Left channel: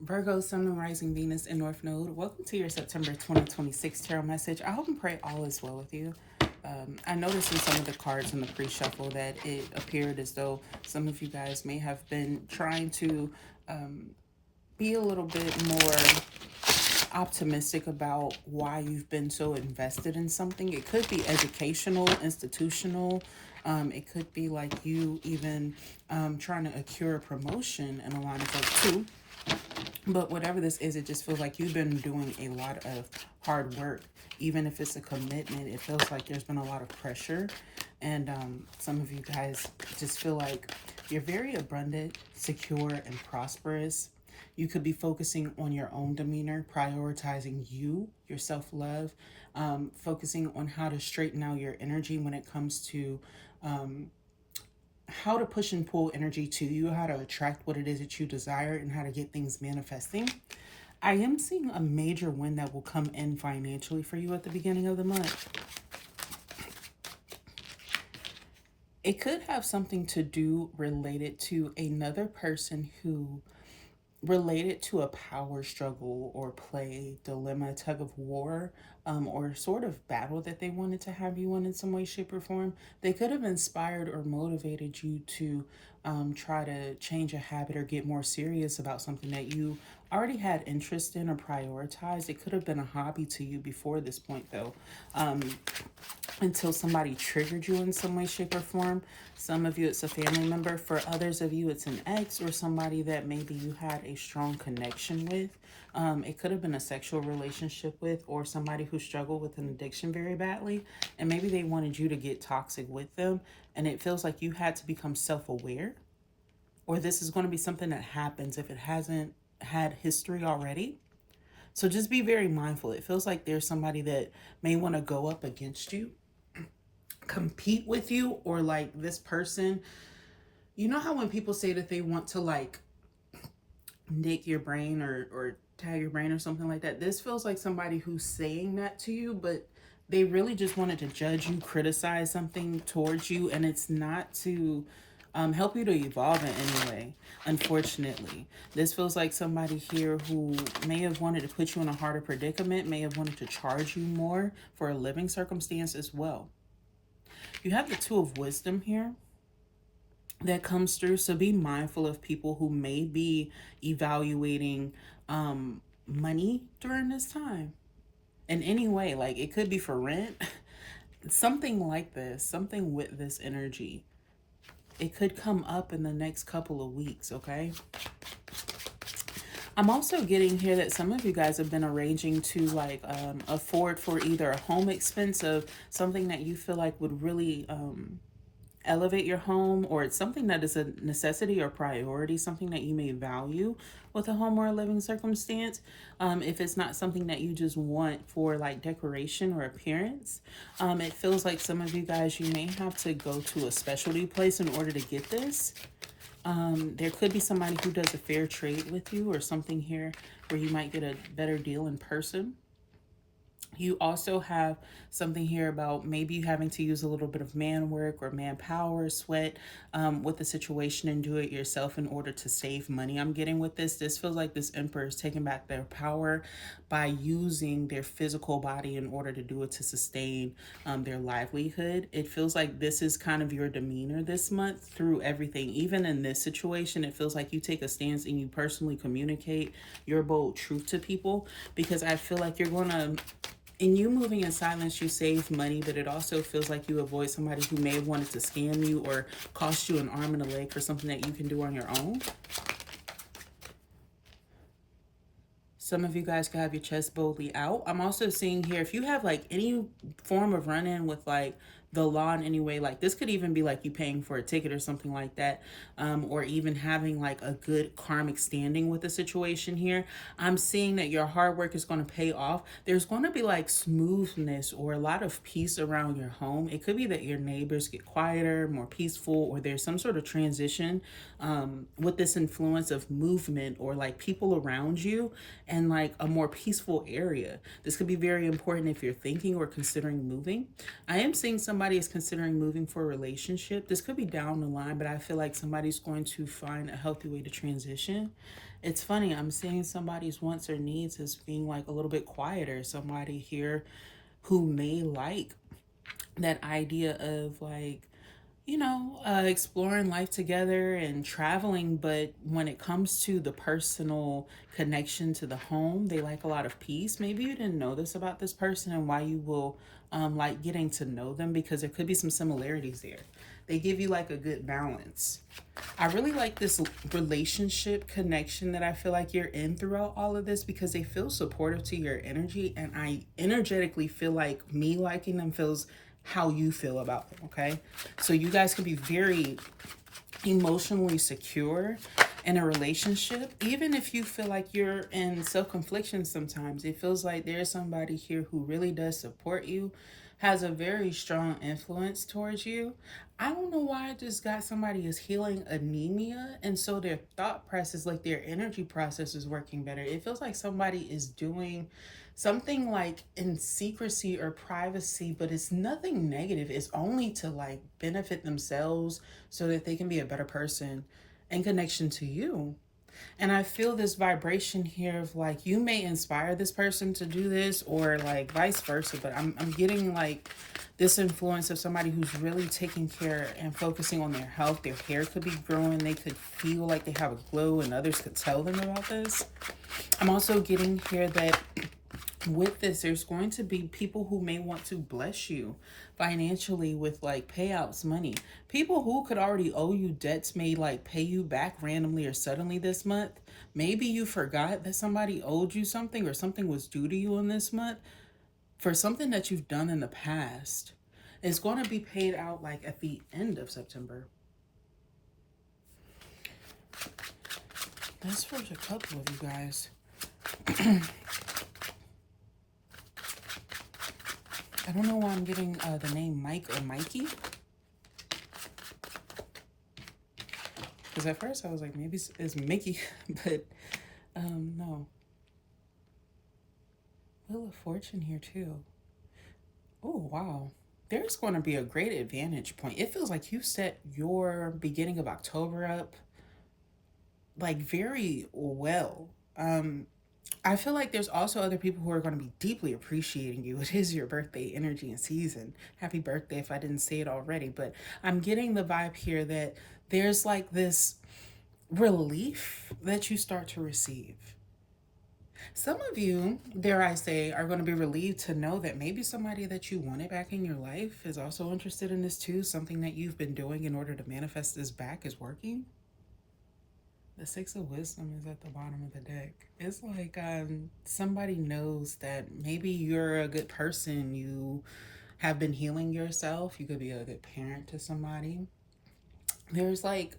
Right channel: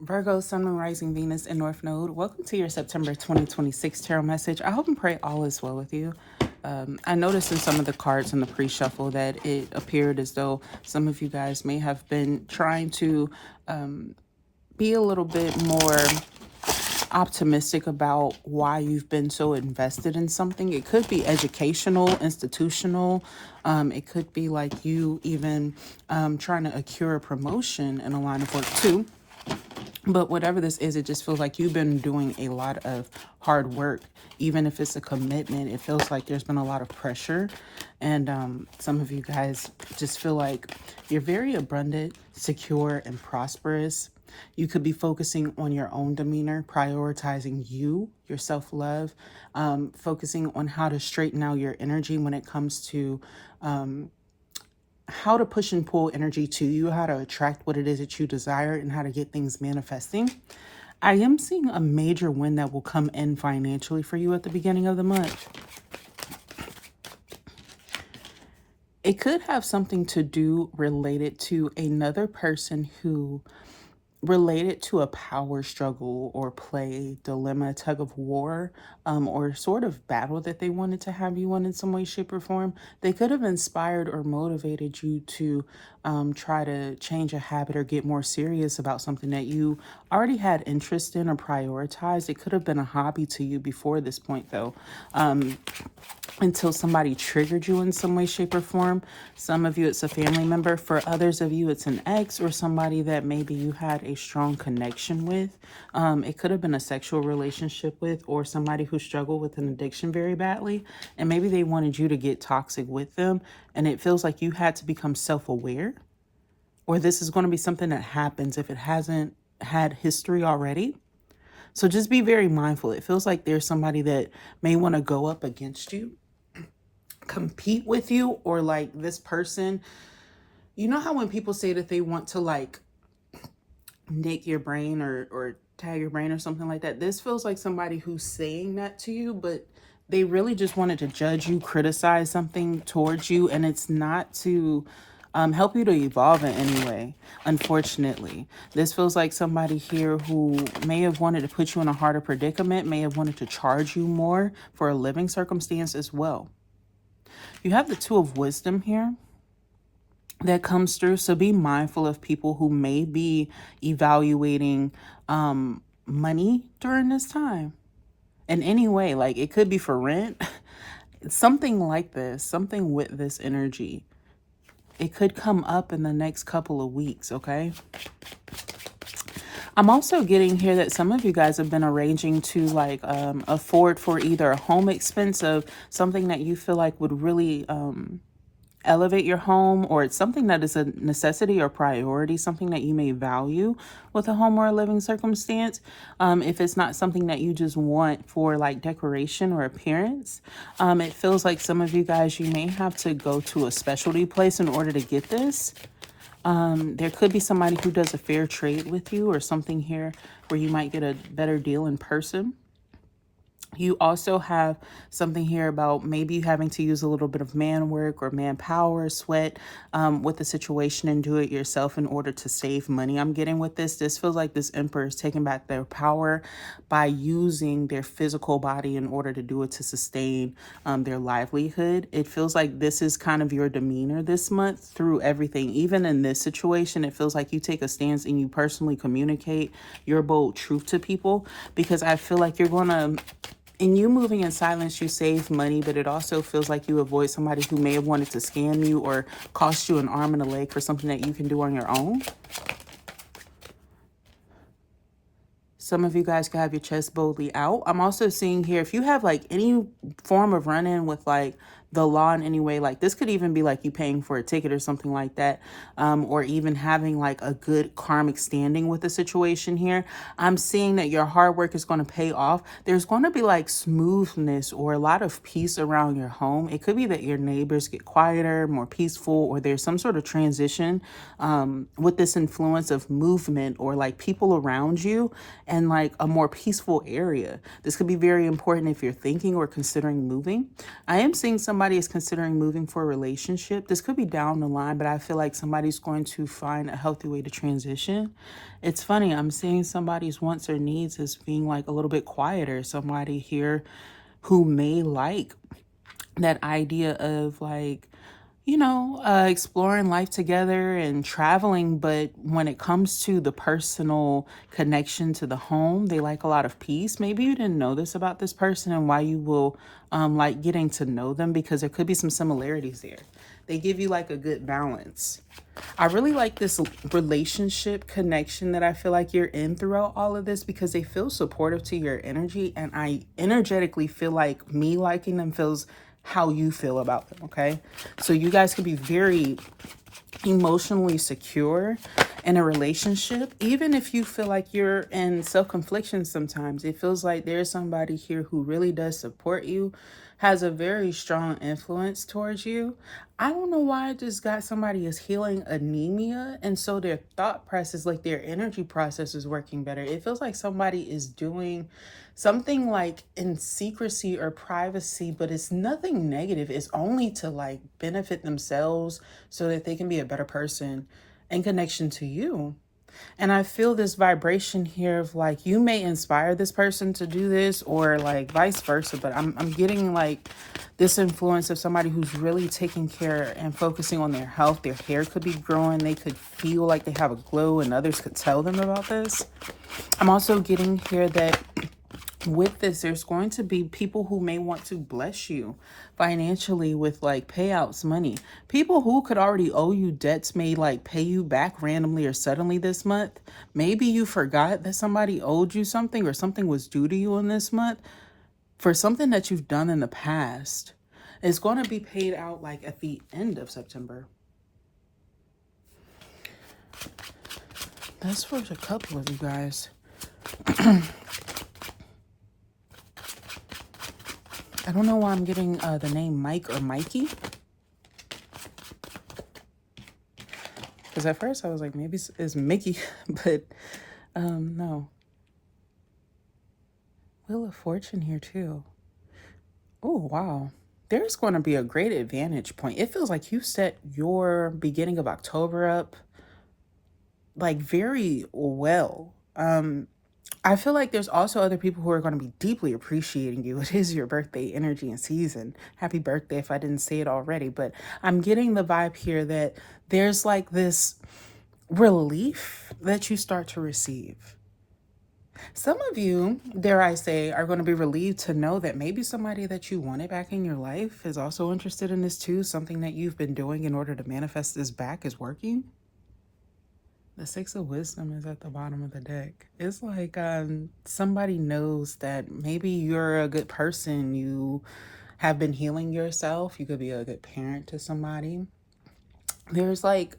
Virgo, Sun, Moon, Rising, Venus, and North Node. Welcome to your September 2026 tarot message. I hope and pray all is well with you. I noticed in some of the cards in the pre-shuffle that it appeared as though some of you guys may have been trying to be a little bit more optimistic about why you've been so invested in something. It could be educational, institutional. It could be like you even trying to accrue a promotion in a line of work too. But whatever this is, it just feels like you've been doing a lot of hard work. Even if it's a commitment, it feels like there's been a lot of pressure. And some of you guys just feel like you're very abundant, secure, and prosperous. You could be focusing on your own demeanor, prioritizing you, your self-love, focusing on how to straighten out your energy when it comes to how to push and pull energy to you, how to attract what it is that you desire, and how to get things manifesting. I am seeing a major win that will come in financially for you at the beginning of the month. It could have something to do related to another person who related to a power struggle or play, dilemma, tug of war, or sort of battle that they wanted to have you on in some way, shape, or form. They could have inspired or motivated you to try to change a habit or get more serious about something that you already had interest in or prioritized. It could have been a hobby to you before this point, though. Until somebody triggered you in some way, shape, or form. Some of you, it's a family member. For others of you, it's an ex or somebody that maybe you had a strong connection with. It could have been a sexual relationship with, or somebody who struggled with an addiction very badly. And maybe they wanted you to get toxic with them. And it feels like you had to become self-aware. Or this is going to be something that happens if it hasn't had history already. So just be very mindful. It feels like there's somebody that may want to go up against you, compete with you, or like this person. You know how when people say that they want to like nick your brain or tag your brain or something like that? This feels like somebody who's saying that to you, but they really just wanted to judge you, criticize something towards you, and it's not to help you to evolve in any way. Unfortunately, this feels like somebody here who may have wanted to put you in a harder predicament, may have wanted to charge you more for a living circumstance as well. You have the Two of Wisdom here that comes through. So be mindful of people who may be evaluating money during this time in any way. Like it could be for rent, something like this, something with this energy. It could come up in the next couple of weeks, okay? I'm also getting here that some of you guys have been arranging to like afford for either a home expense of something that you feel like would really elevate your home, or it's something that is a necessity or priority, something that you may value with a home or a living circumstance. If it's not something that you just want for like decoration or appearance, it feels like some of you guys, you may have to go to a specialty place in order to get this. There could be somebody who does a fair trade with you or something here where you might get a better deal in person. You also have something here about maybe you having to use a little bit of man work or manpower, sweat with the situation and do it yourself in order to save money. I'm getting with this. This feels like this emperor is taking back their power by using their physical body in order to do it to sustain their livelihood. It feels like this is kind of your demeanor this month through everything. Even in this situation, it feels like you take a stance and you personally communicate your bold truth to people, because I feel like you're going to, in you moving in silence, you save money, but it also feels like you avoid somebody who may have wanted to scam you or cost you an arm and a leg for something that you can do on your own. Some of you guys can have your chest boldly out. I'm also seeing here, if you have like any form of run-in with like the law in any way, like this could even be like you paying for a ticket or something like that, or even having like a good karmic standing with the situation here. I'm seeing that your hard work is going to pay off. There's going to be like smoothness or a lot of peace around your home. It could be that your neighbors get quieter, more peaceful, or there's some sort of transition with this influence of movement or like people around you and like a more peaceful area. This could be very important if you're thinking or considering moving. I am seeing somebody is considering moving for a relationship. This could be down the line, but I feel like somebody's going to find a healthy way to transition. It's funny, I'm seeing somebody's wants or needs as being like a little bit quieter. Somebody here who may like that idea of like, exploring life together and traveling. But when it comes to the personal connection to the home, they like a lot of peace. Maybe you didn't know this about this person and why you will like getting to know them, because there could be some similarities there. They give you like a good balance. I really like this relationship connection that I feel like you're in throughout all of this, because they feel supportive to your energy. And I energetically feel like me liking them feels how you feel about them. Okay. So you guys can be very emotionally secure in a relationship, even if you feel like you're in self-confliction sometimes. It feels like there's somebody here who really does support you, has a very strong influence towards you. I don't know why I just got somebody is healing anemia, and so their thought process, like their energy process, is working better. It feels like somebody is doing something like in secrecy or privacy, but it's nothing negative. It's only to like benefit themselves so that they can be a better person in connection to you. And I feel this vibration here of like you may inspire this person to do this, or like vice versa. But I'm getting like this influence of somebody who's really taking care and focusing on their health. Their hair could be growing. They could feel like they have a glow, and others could tell them about this. I'm also getting here that with this, there's going to be people who may want to bless you financially with like payouts, money. People who could already owe you debts may like pay you back randomly or suddenly this month. Maybe you forgot that somebody owed you something, or something was due to you in this month for something that you've done in the past. It's going to be paid out like at the end of September. That's for a couple of you guys. I don't know why I'm getting the name Mike or Mikey. Because at first I was like, maybe it's Mickey, but no. Wheel of Fortune here too. Oh, wow. There's going to be a great advantage point. It feels like you set your beginning of October up like very well. I feel like there's also other people who are going to be deeply appreciating you. It is your birthday energy and season. Happy birthday if I didn't say it already. But I'm getting the vibe here that there's like this relief that you start to receive. Some of you, dare I say, are going to be relieved to know that maybe somebody that you wanted back in your life is also interested in this too. Something that you've been doing in order to manifest this back is working. The Six of Wisdom is at the bottom of the deck. It's like somebody knows that maybe you're a good person. You have been healing yourself. You could be a good parent to somebody. There's like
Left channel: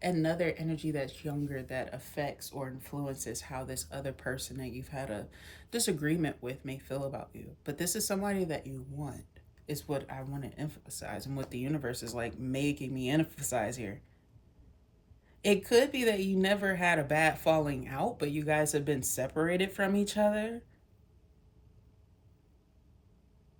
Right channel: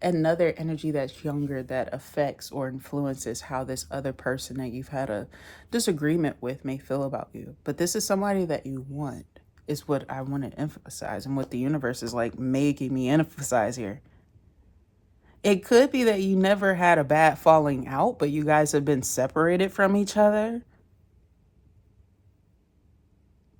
another energy that's younger that affects or influences how this other person that you've had a disagreement with may feel about you. But this is somebody that you want, is what I want to emphasize, and what the universe is like making me emphasize here. It could be that you never had a bad falling out, but you guys have been separated from each other.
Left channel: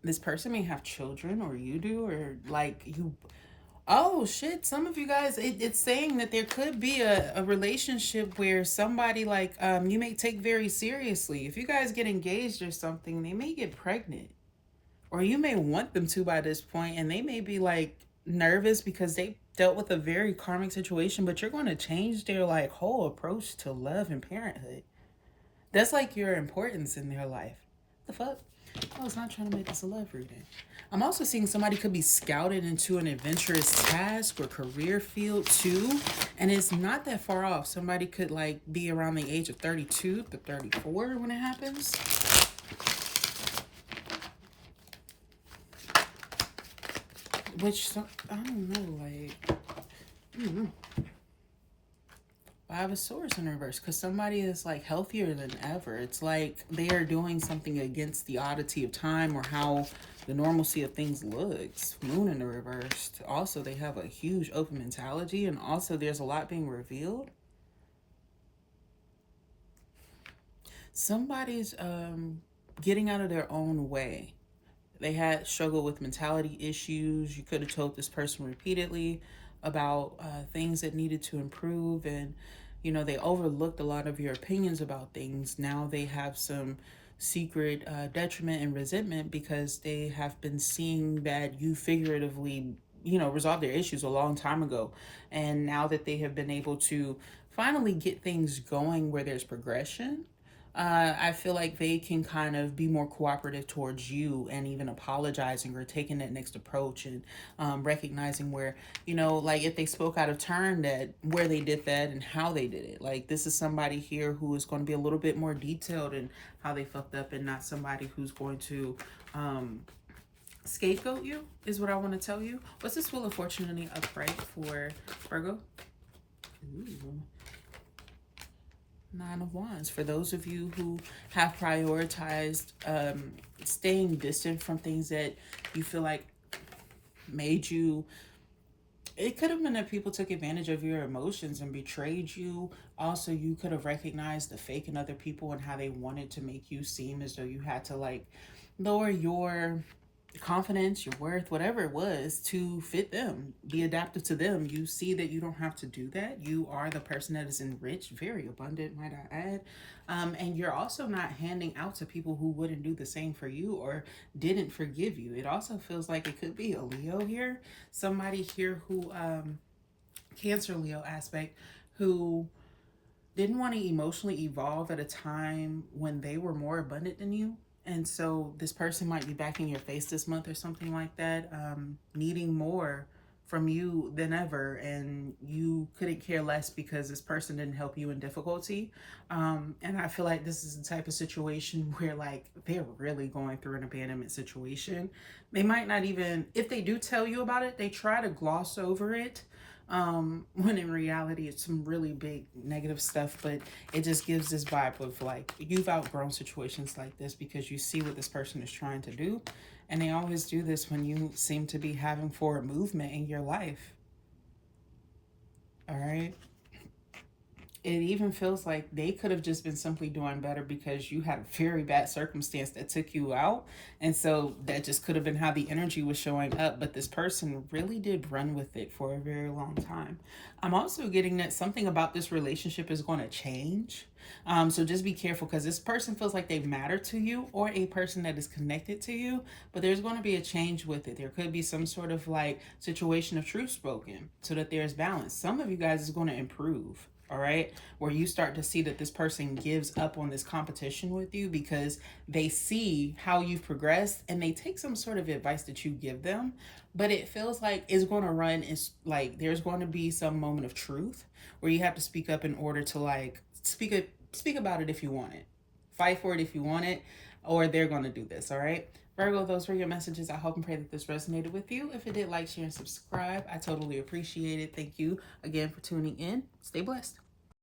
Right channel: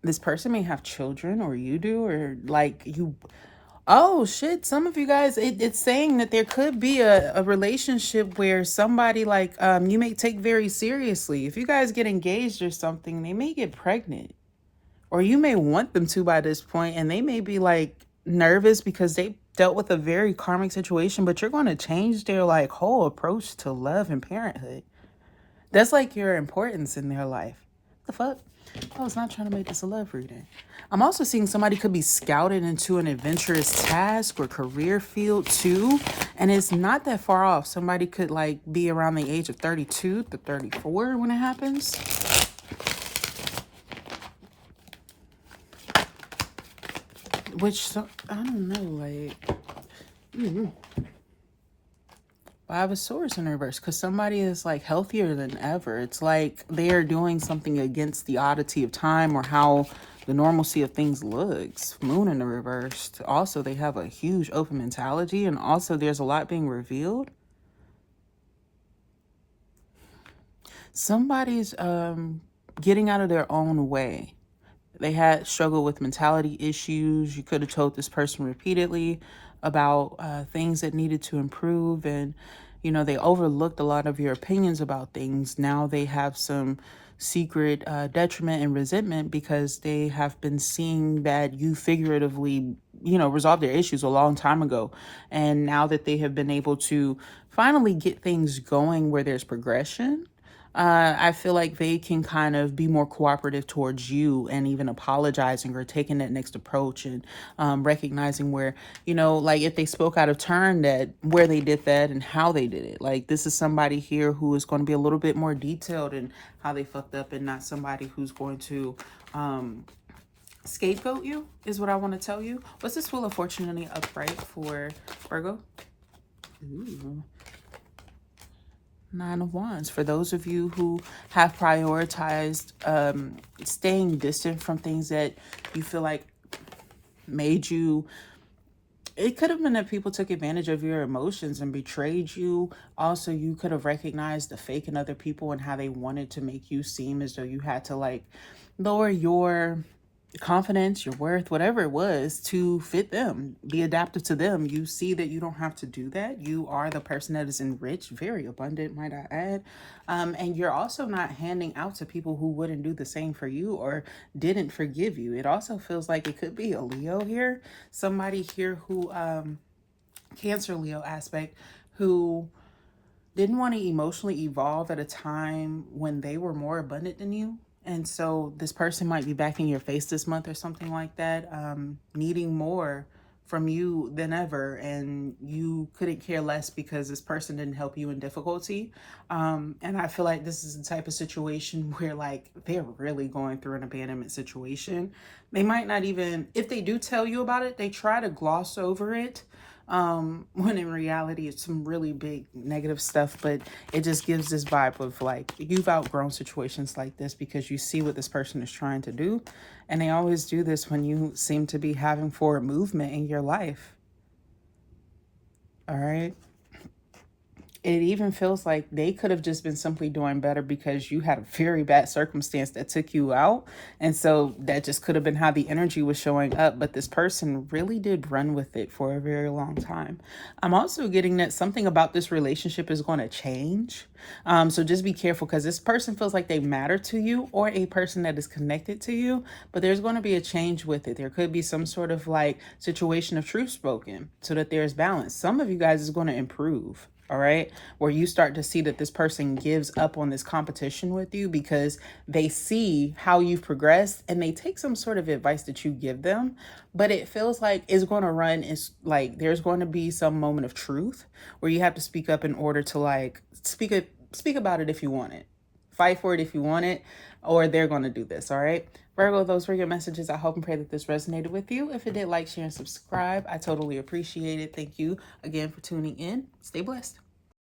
This person may have children, or you do, or like you. Oh shit, some of you guys, it's saying that there could be a relationship where somebody like you may take very seriously. If you guys get engaged or something, they may get pregnant. Or you may want them to by this point, and they may be like nervous because they dealt with a very karmic situation, but you're going to change their like whole approach to love and parenthood. That's like your importance in their life. The fuck? I was not trying to make this a love reading. I'm also seeing somebody could be scouted into an adventurous task or career field too. And it's not that far off. Somebody could like be around the age of 32 to 34 when it happens. Which, I don't know, like, Five of Swords in reverse, because somebody is like healthier than ever. It's like they're doing something against the oddity of time or how the normalcy of things looks. Moon in the reverse. Also, they have a huge open mentality, and also there's a lot being revealed. Somebody's getting out of their own way. They had struggled with mentality issues. You could have told this person repeatedly about things that needed to improve, and they overlooked a lot of your opinions about things. Now they have some secret detriment and resentment because they have been seeing that you figuratively, resolved their issues a long time ago. And now that they have been able to finally get things going where there's progression, I feel like they can kind of be more cooperative towards you and even apologizing or taking that next approach and recognizing where, like if they spoke out of turn, that where they did that and how they did it. Like this is somebody here who is going to be a little bit more detailed in how they fucked up and not somebody who's going to scapegoat you, is what I want to tell you. What's this Wheel of Fortune in the upright for Virgo? Ooh. Nine of Wands. For those of you who have prioritized staying distant from things that you feel like made you, it could have been that people took advantage of your emotions and betrayed you. Also, you could have recognized the fake in other people and how they wanted to make you seem as though you had to like lower your confidence, your worth, whatever it was, to fit them, be adaptive to them. You see that you don't have to do that. You are the person that is enriched, very abundant, might I add. And you're also not handing out to people who wouldn't do the same for you or didn't forgive you. It also feels like it could be a Leo here, somebody here who, Cancer Leo aspect, who didn't want to emotionally evolve at a time when they were more abundant than you. And so this person might be back in your face this month or something like that, needing more from you than ever. And you couldn't care less because this person didn't help you in difficulty. And I feel like this is the type of situation where like they're really going through an abandonment situation. They might not even, if they do tell you about it, they try to gloss over it. When in reality it's some really big negative stuff, but it just gives this vibe of like you've outgrown situations like this because you see what this person is trying to do, and they always do this when you seem to be having forward movement in your life. All right. It even feels like they could have just been simply doing better because you had a very bad circumstance that took you out. And so that just could have been how the energy was showing up. But this person really did run with it for a very long time. I'm also getting that something about this relationship is going to change. So just be careful because this person feels like they matter to you, or a person that is connected to you, but there's going to be a change with it. There could be some sort of like situation of truth spoken so that there's balance. Some of you guys is going to improve. All right, where you start to see that this person gives up on this competition with you because they see how you've progressed and they take some sort of advice that you give them. But it feels like it's going to run, it's like there's going to be some moment of truth where you have to speak up in order to like speak about it if you want it, fight for it if you want it, or they're going to do this. All right, Virgo, those were your messages. I hope and pray that this resonated with you. If it did, like, share, and subscribe. I totally appreciate it. Thank you again for tuning in. Stay blessed.